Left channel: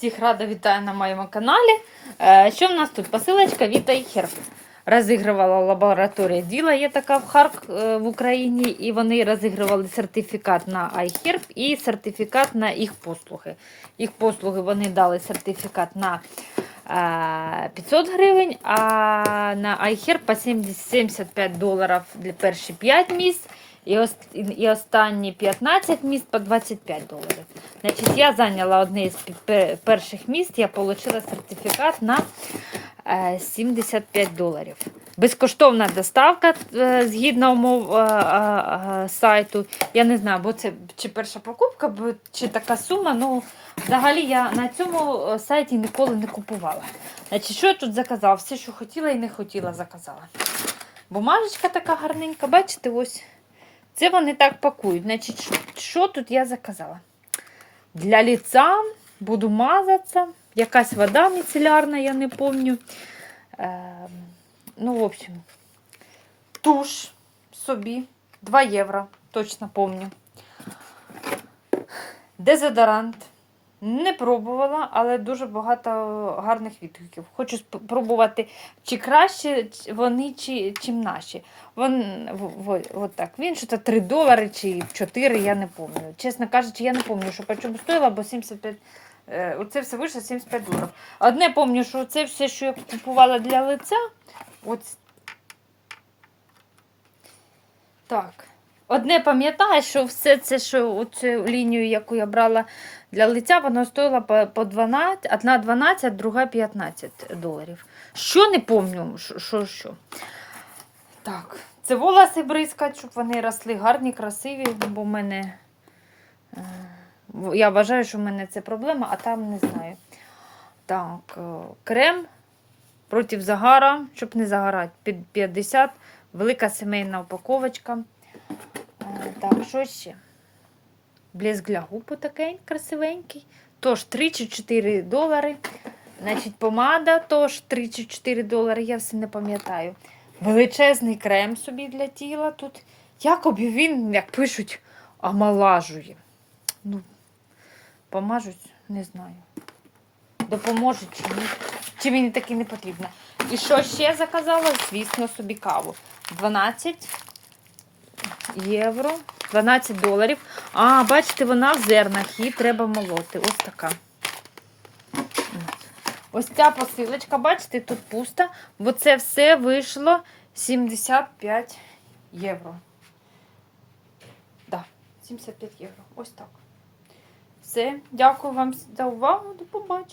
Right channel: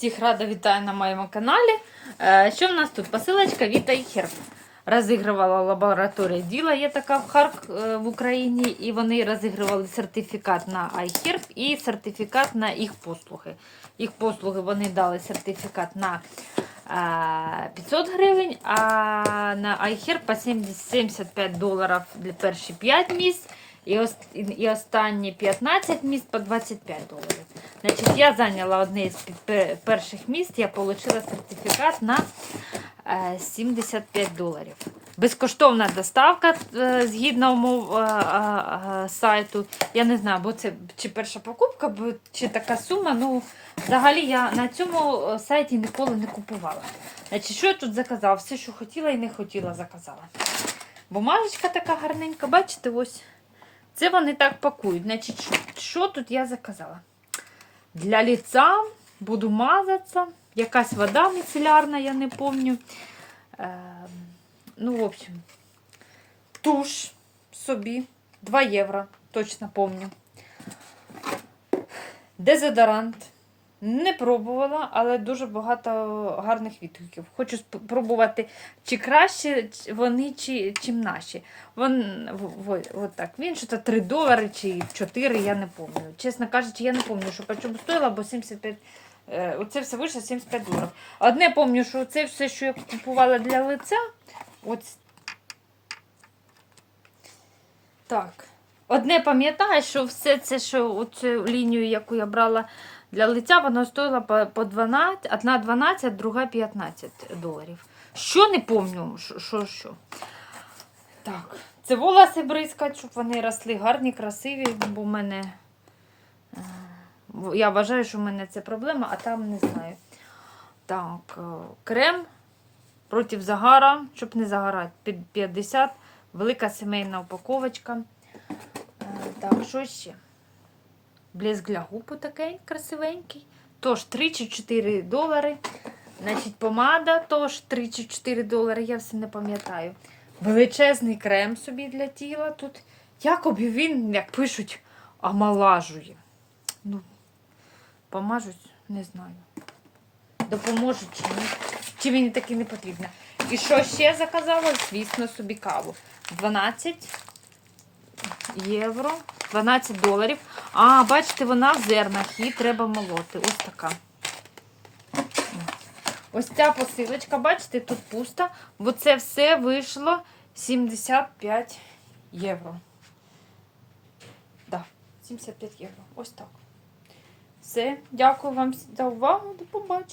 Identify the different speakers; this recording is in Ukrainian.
Speaker 1: Всіх рада вітаю на моєму каналі. Е, Що в нас тут? Посилочка від iHerb. Розігрувала лабораторія діла, є така в Харк е, в Україні, і вони розігрували сертифікат на iHerb і сертифікат на їх послуги. Їх послуги вони дали сертифікат на е, 500 гривень, а на iHerb по 70 75 доларів для перші 5 місць. І, ос- і останні 15 місць по 25 доларів. Значить, я зайняла одне з перших місць, я отримала сертифікат на е, 75 доларів. Безкоштовна доставка е, згідно умов е, е, е, сайту. Я не знаю, бо це чи перша покупка, чи така сума. Ну, взагалі я на цьому е, сайті ніколи не купувала. Значить, що я тут заказала? Все, що хотіла і не хотіла, заказала. Бумажечка така гарненька, бачите, ось. Це вони так пакують. Значить, що- що тут я заказала? Для лица буду мазатися. Якась вода міцелярна, я не помню. Е, ну, в общем, туш собі 2 євро, точно помню. Дезодорант. Не пробувала, але дуже багато гарних відгуків. Хочу спробувати, чи краще вони, чи, чим наші. Вон, в, в, так. Він що то 3 долари чи 4, я не пам'ятаю. Чесно кажучи, я не пам'ятаю, що по стоїла, бо 75, е, оце все вийшло 75 доларів. Одне пам'ятаю, що це все, що я купувала для лиця. От. Так. Одне пам'ятаю, що все це, що оцю лінію, яку я брала для лиця, воно стоїло по, по 12, одна 12, друга 15 доларів. Що не пам'ятаю, що, що. Так, це волоси бризкать, щоб вони росли гарні, красиві, бо в мене. е, Я вважаю, що в мене це проблема, а там не знаю. Так, е, крем проти загара, щоб не загорати. Під 50, велика сімейна упаковочка. Е, Так, що ще? Блеск для губ такий красивенький. Тож 3 чи 4 долари. Значить, помада теж 3 чи 4 долари, я все не пам'ятаю. Величезний крем собі для тіла тут. Якоби він, як пишуть, омолажує. Ну, помажуть, не знаю. Допоможуть чи ні. Чи мені таки не потрібно. І що ще заказала? Звісно, собі каву. 12 євро, 12 доларів. А, бачите, вона в зернах, її треба молоти. Ось така. Ось ця посилочка, бачите, тут пуста, бо це все вийшло 75 євро. Да, 75 євро. Ось так. Все, дякую вам за увагу. До побачення.